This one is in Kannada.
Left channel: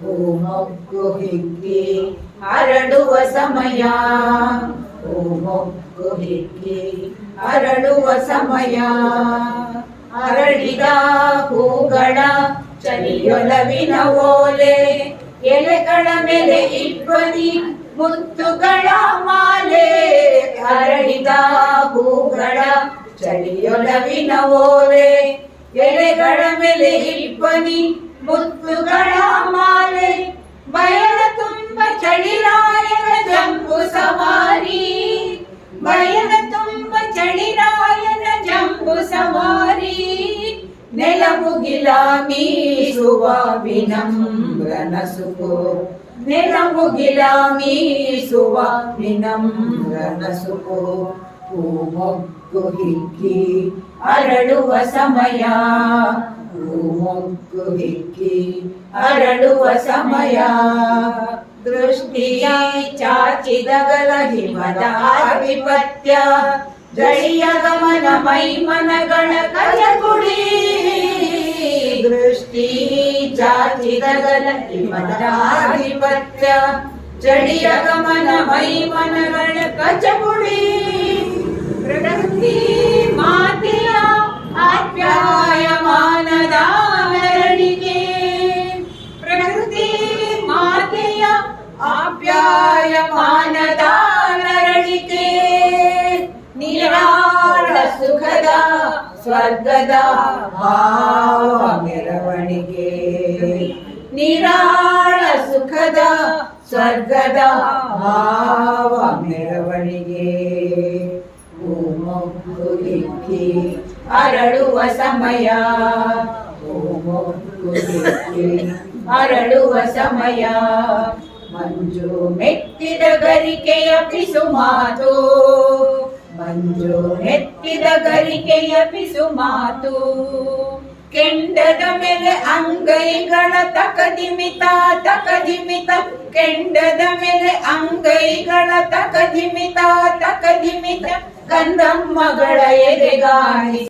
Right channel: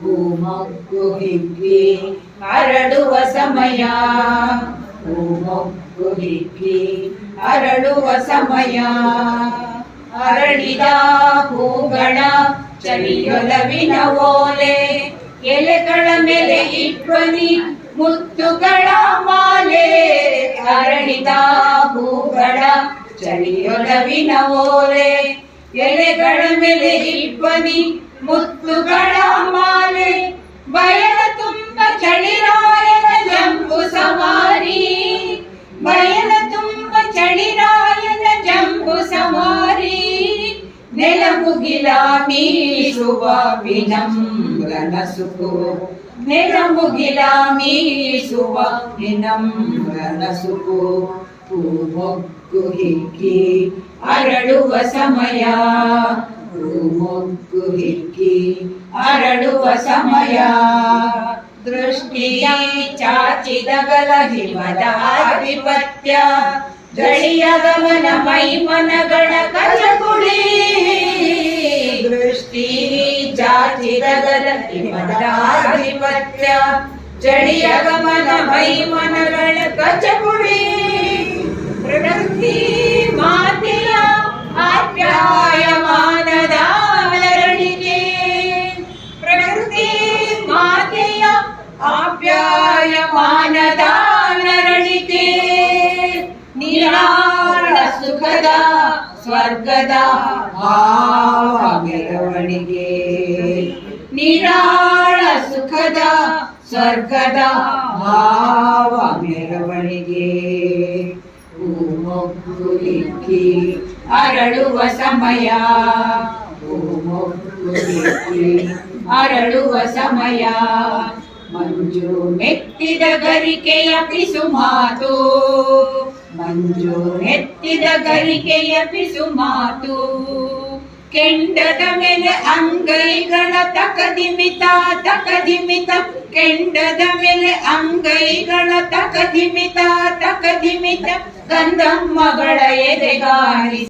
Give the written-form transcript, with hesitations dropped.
ಹೂಮೊಗ್ಗು ಹಿಗ್ಗಿ ಅರಳುವ ಸಮಯ, ಹೂಮೊಗ್ಗು ಹಿಗ್ಗಿ ಅರಳುವ ಸಮಯ. ಅರಳಿದ ಹೂಗಳ ಚಳಿಯೊಲವಿನ ಓಲೆ, ಎಲೆಗಳ ಮೇಲೆ ಇಟ್ವನಿ ಮುತ್ತುಗಳ ಮಾಲೆ. ಅರಳಿದ ಹೂಗಳ ಚಳಿಯೊಲವಿನ ಓಲೆ, ಎಲೆಗಳ ಮೇಲೆ ಇಟ್ವನಿ ಮುತ್ತುಗಳ ಮಾಲೆ. ಬಯಲ ತುಂಬ ಚಳಿರಾಯನ ಜಂಬು ಸವಾರಿ, ಬಯಲ ತುಂಬ ಚಳಿರಾಯನ ಜಂಬು ಸವಾರಿ. ನೆಲಮುಗಿಲ ಮೀಸುವ ವಿನಮ್ರ ನಸುಕು, ನೆಲಮುಗಿಲ ಮೀಸುವ ವಿನಮ್ರ ನಸುಕು. ಹೂಮೊಗ್ಗು ಹಿಗ್ಗಿ ಅರಳುವ ಸಮಯ, ಹೂಮೊಗ್ಗು ಹಿಗ್ಗಿ ಅರಳುವ ಸಮಯ. ದೃಷ್ಟಿ ಚಾಚಿದಗಲ ಹಿಮದ ಆಧಿಪತ್ಯ, ಜಳಿಯ ಗಮನ ಮೈಮನಗಳ ಕಚಗುಳಿ. ದೃಷ್ಟಿ ಚಾಚಿದಗಲ ಹಿಮದ ಆಧಿಪತ್ಯ, ಜಳಿಯ ಗಮನ ಮೈಮನಗಳ ಕಚಗುಳಿ. ಪ್ರಕೃತಿ ಮಾತೆಯ ಆಪ್ಯಾಯಮಾನದ ಮೆರವಣಿಗೆ, ಪ್ರಕೃತಿ ಮಾತೆಯ ಆಪ್ಯಾಯಮಾನದ ಮೆರವಣಿಗೆ. ನಿರಾಳ ಸುಖದ ಸ್ವರ್ಗದ ಭಾವ ಮೆರವಣಿಗೆ, ನಿರಾಳ ಸುಖದ ಸ್ವರ್ಗದ ಭಾವ ಮೆರವಣಿಗೆ. ಹೂಮೊಗ್ಗು ಹಿಗ್ಗಿ ಅರಳುವ ಸಮಯ, ಹೂಮೊಗ್ಗು ಹಿಗ್ಗಿ ಅರಳುವ ಸಮಯ. ಮಂಜು ಮೆತ್ತಿದ ಗರಿಕೆಯ ಪಿಸು ಮಾತು, ಮಂಜು ಮೆತ್ತಿದ ಗರಿಕೆಯ ಪಿಸು ಮಾತು. ಕೆಂಡದ ಮೇಲೆ ಅಂಗೈಗಳ ತಕದಿಮಿತ ತಕದಿಮಿತ, ಕೆಂಡದ ಮೇಲೆ ಅಂಗೈಗಳ ತಕದಿಮಿತ ತಕದಿಮಿತ. ಕಂದಮ್ಮಗಳ ಎದೆಗಾಳಿ